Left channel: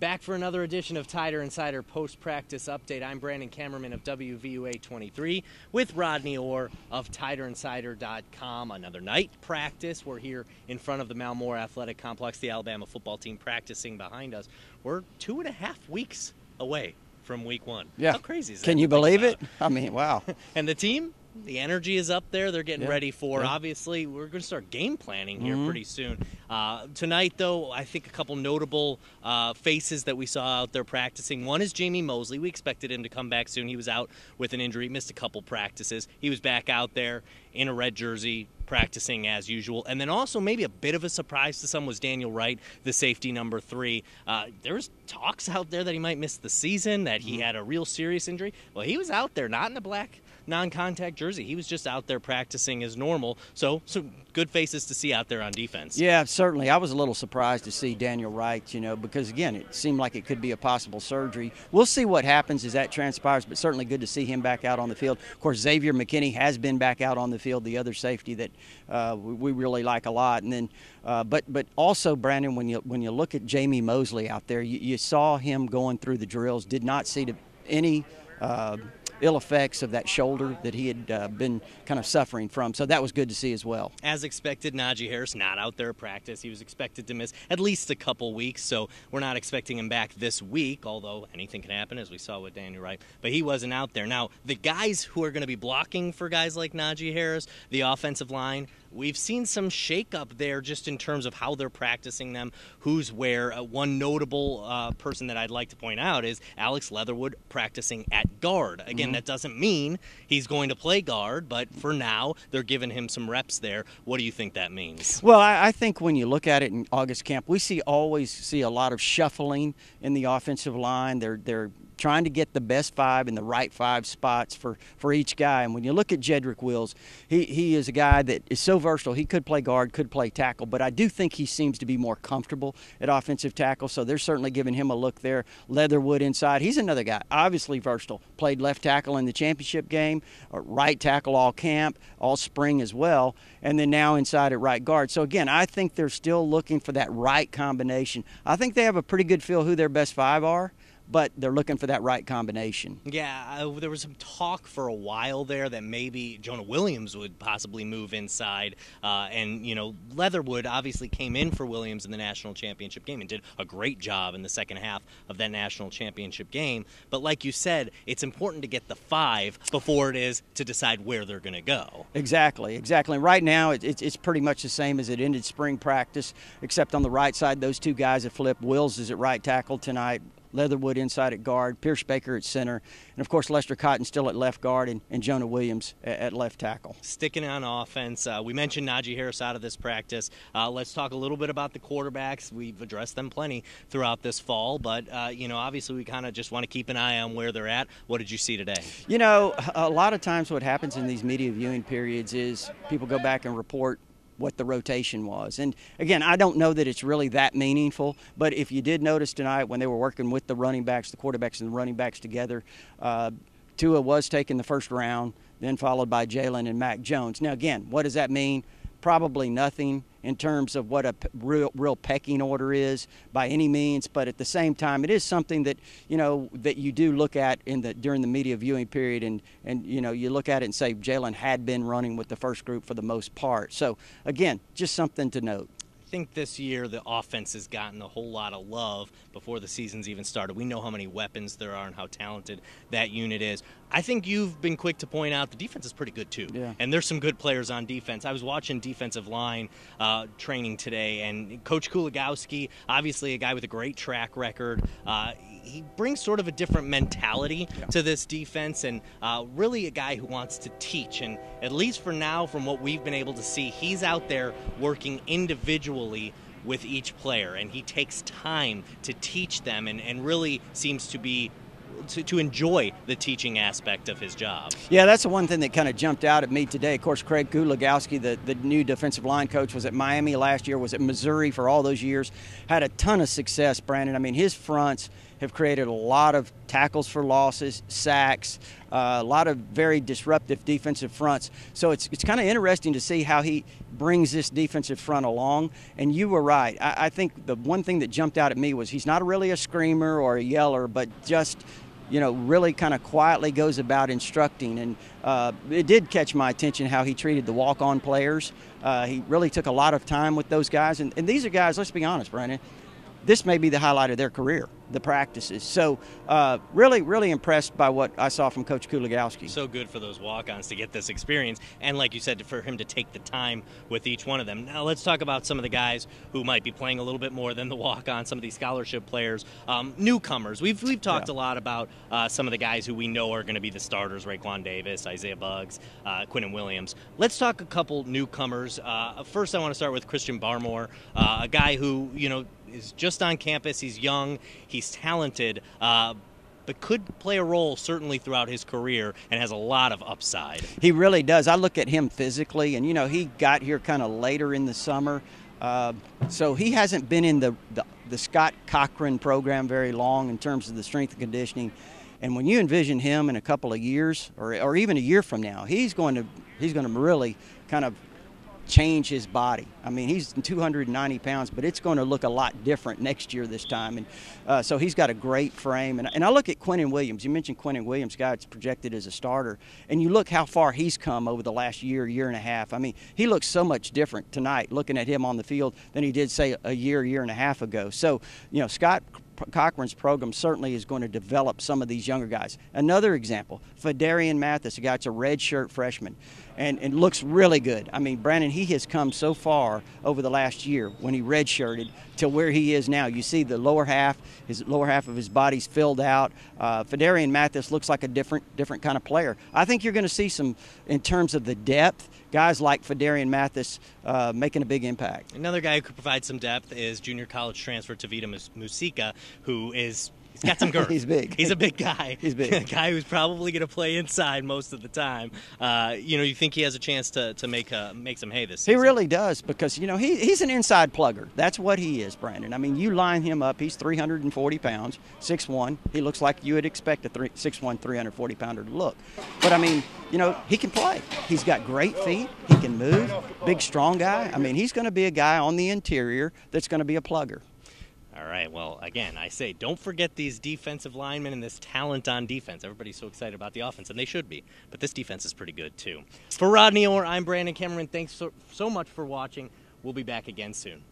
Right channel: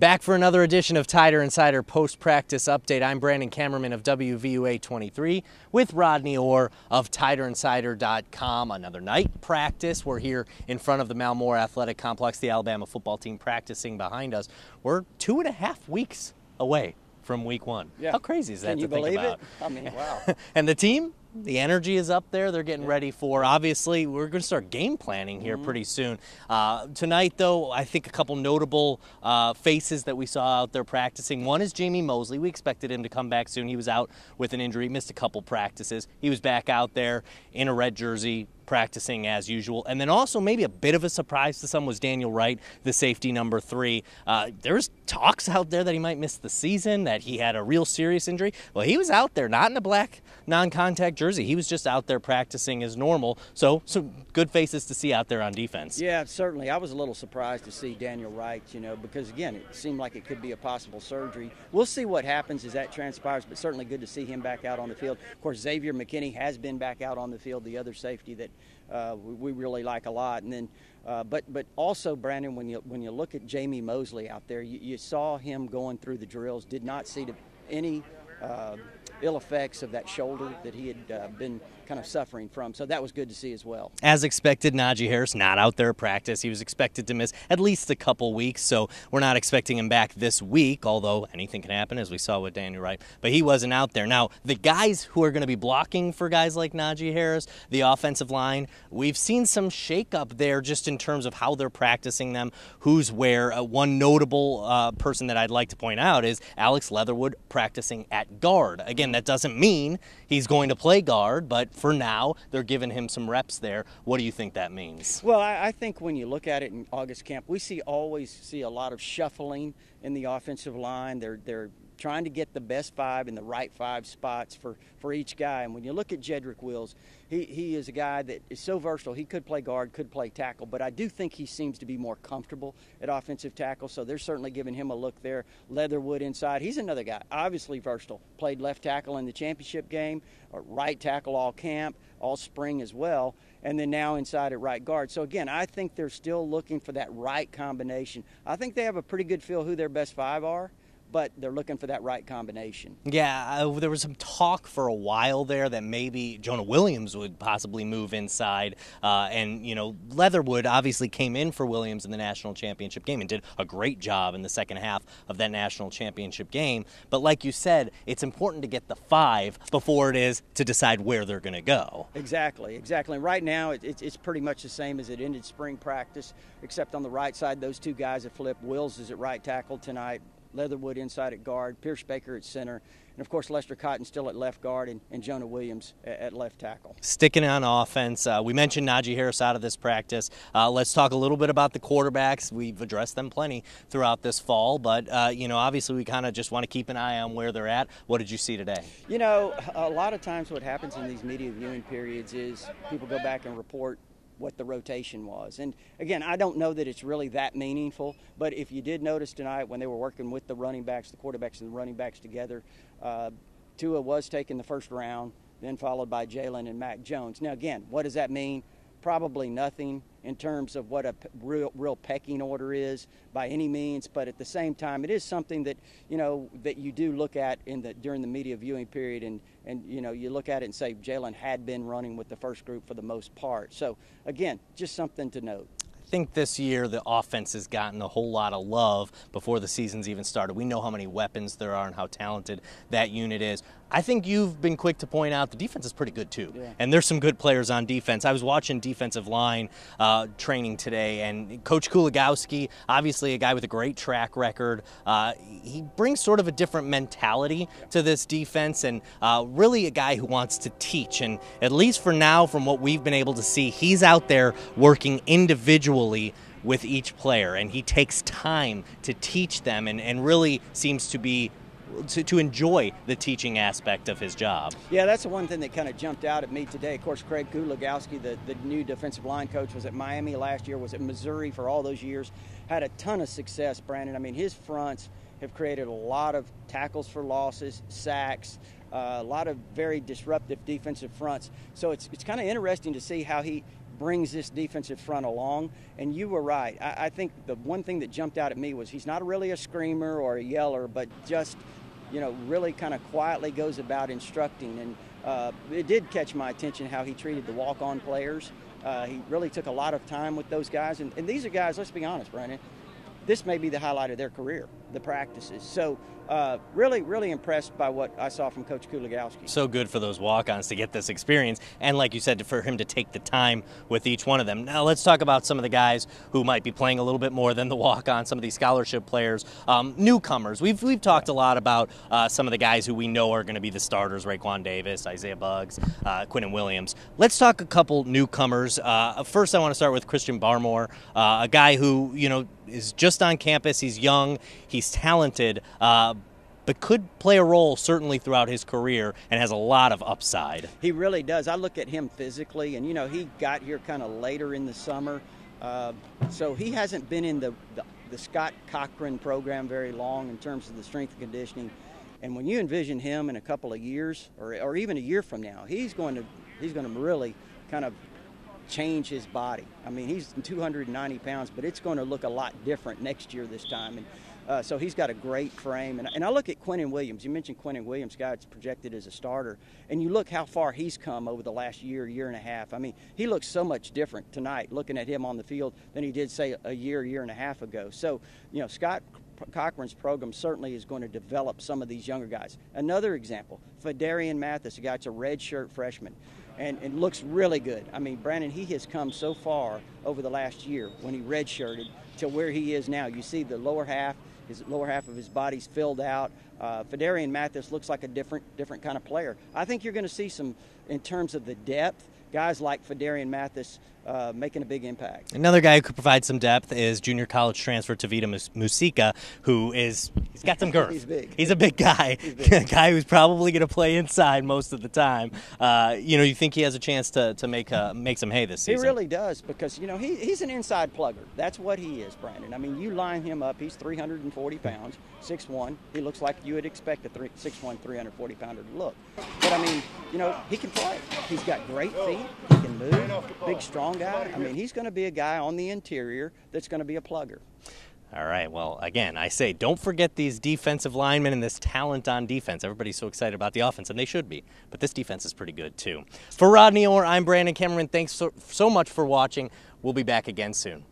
Back for another edition of Tider Insider Post-Practice Update. I'm Brandon Kamerman of WVUA 23 with Rodney Orr of TiderInsider.com. Another night practice. We're here in front of the Malmore Athletic Complex, the Alabama football team practicing behind us. We're 2.5 weeks away from week one. Yeah. How crazy is that? Can you believe it? I mean, wow. And the team? The energy is up there. They're getting ready for, obviously, we're going to start game planning here pretty soon. Tonight, though, I think a couple notable faces that we saw out there practicing. One is Jamie Mosley. We expected him to come back soon. He was out with an injury, missed a couple practices. He was back out there in a red jersey, practicing as usual. And then also maybe a bit of a surprise to some was Daniel Wright, the safety number 3. There's talks out there that he might miss the season, that he had a real serious injury. Well, he was out there, not in a black non-contact jersey. He was just out there practicing as normal. So some good faces to see out there on defense. Yeah, certainly. I was a little surprised to see Daniel Wright, because, again, it seemed like it could be a possible surgery. We'll see what happens as that transpires, but certainly good to see him back out on the field. Of course, Xavier McKinney has been back out on the field, the other safety that we really like a lot. And then, but also, Brandon, when you look at Jamie Mosley out there, you saw him going through the drills, did not see any ill effects of that shoulder that he had been kind of suffering from. So that was good to see as well. As expected, Najee Harris not out there at practice. He was expected to miss at least a couple weeks, so we're not expecting him back this week, although anything can happen, as we saw with Daniel Wright. But he wasn't out there. Now, the guys who are going to be blocking for guys like Najee Harris, the offensive line, we've seen some shakeup there just in terms of how they're practicing them, who's where. One notable person that I'd like to point out is Alex Leatherwood practicing at guard. Again, that doesn't mean he's going to play guard, but for now, they're giving him some reps there. What do you think that means? Well, I think when you look at it in August camp, we always see a lot of shuffling in the offensive line. They're trying to get the best 5 in the right 5 spots for each guy. And when you look at Jedrick Wills, he is a guy that is so versatile. He could play guard, could play tackle, but I do think he seems to be more comfortable at offensive tackle, so they're certainly giving him a look there. Leatherwood inside. He's another guy, obviously versatile. Played left tackle in the championship game, right tackle all camp, all spring as well, and then now inside at right guard. So again, I think they're still looking for that right combination. I think they have a pretty good feel who their best 5 are, but they're looking for that right combination. Yeah, there was some talk for a while there that maybe Jonah Williams would possibly move inside. And, Leatherwood obviously came in for Williams in the national championship game and did a great job in the second half of that national championship game. But like you said, it's important to get the 5 before it is to decide where they're going to go. Exactly. Right now, it's pretty much the same as it ended spring practice, except on the right side, those 2 guys have flipped. Wills is at right tackle tonight. Leatherwood inside at guard, Pierce Baker at center, and of course Lester Cotton still at left guard, and Jonah Williams at left tackle. Sticking on offense, we mentioned Najee Harris out of this practice. Let's talk a little bit about the quarterbacks. We've addressed them plenty throughout this fall, but obviously we kind of just want to keep an eye on where they're at. What did you see today? A lot of times what happens in these media viewing periods is people go back and report what the rotation was. And again, I don't know that it's really that meaningful, but if you did notice tonight when they were working with the running backs, the quarterbacks and the running backs together, Tua was taken the first round, then followed by Jalen and Mac Jones. Now again, what does that mean? Probably nothing in terms of what a real pecking order is by any means, but at the same time, it is something that that you do look at during the media viewing period, and you look at it and say Jalen had been running with the first group for the most part. So again, just something to note. I think this year the offense has gotten a whole lot of love before the season's even started. We know how many weapons there are and how talented that unit is. I think you've been quick to point out the defense is pretty good too. Yeah. And there's some good players on defense. I was watching defensive line training today, and Coach Kuligowski, obviously a guy with a great track record, he brings sort of a different mentality to this defense, and really a guy who wants to teach. And at least for now, from what we've been able to see, he's out there working individually with each player, and he takes time to teach them and really seems to be to enjoy the teaching aspect of his job. Yeah, that's the one thing that kind of jumped out at me today. Of course, Craig Kuligowski, the new defensive line coach, was at Miami last year, was at Missouri for all those years, had a ton of success, Brandon. I mean, his fronts have created a lot of tackles for losses, sacks, a lot of very disruptive defensive fronts. So it's kind of interesting to see how he brings this defensive front along. And you were right. I think the one thing that jumped out at me was he's not really a screamer or a yeller, but just, really kind of quietly goes about instructing. And it did catch my attention how he treated the walk-on players. He really took a lot of time with those guys. And these are guys, let's be honest, Brandon, this may be the highlight of their career, the practices. So really, really impressed by what I saw from Coach Kuligowski. So good for those walk-ons to get this experience. And like you said, for him to take the time with each one of them. Now let's talk about some of the guys who might be playing a little bit more than the walk-on, some of these scholarship players, newcomers. We've talked a lot about some of the guys who we know are going to be the starters, Raekwon Davis, Isaiah Buggs, Quinnen Williams. Let's talk a couple newcomers. First, I want to start with Christian Barmore, a guy who, is just on campus. He's young, he's talented, but could play a role certainly throughout his career and has a lot of upside. He really does. I look at him physically, and he got here kind of later in the summer, so he hasn't been in the Scott Cochran program very long in terms of the strength and conditioning. And when you envision him in a couple of years, or even a year from now, he's going to really kind of change his body. I mean, he's 290 pounds, but it's going to look a lot different next year this time. And so he's got a great frame. And I look at Quinnen Williams. You mentioned Quinnen Williams, guy that's projected as a starter. And you look how far he's come over the last year and a half. I mean, he looks so much different tonight looking at him on the field than he did, say, a year and a half ago. So, Scott Cochran's program certainly is going to develop some of these younger guys. Another example, Fedarian Mathis, a guy that's a redshirt freshman, and looks really good. I mean, Brandon, he has come so far over the last year when he redshirted to where he is now. You see the lower half of his body's filled out. Fedarian Mathis looks like a different kind of player. I think you're going to see some, in terms of the depth, guys like Fedarian Mathis making a big impact. Another guy who could provide some depth is junior college transfer Tavita Musica, he's got some girth. He's big. He's a big guy. He's big. A guy who's probably going to play inside most of the time. You think he has a chance to make some hay this season? He really does, because he's an inside plugger. That's what he is, Brandon. I mean, you line him up. He's 340 pounds, 6'1". He looks like you would expect a 6'1", 340 pounder to look. But I mean, he can play. He's got great feet. He can move. Big, strong guy. I mean, he's going to be a guy on the interior that's going to be a plugger. All right, well, again, I say don't forget these defensive linemen and this talent on defense. Everybody's so excited about the offense, and they should be. But this defense is pretty good, too. For Rodney Orr, I'm Brandon Kamerman. Thanks so much for watching. We'll be back again soon.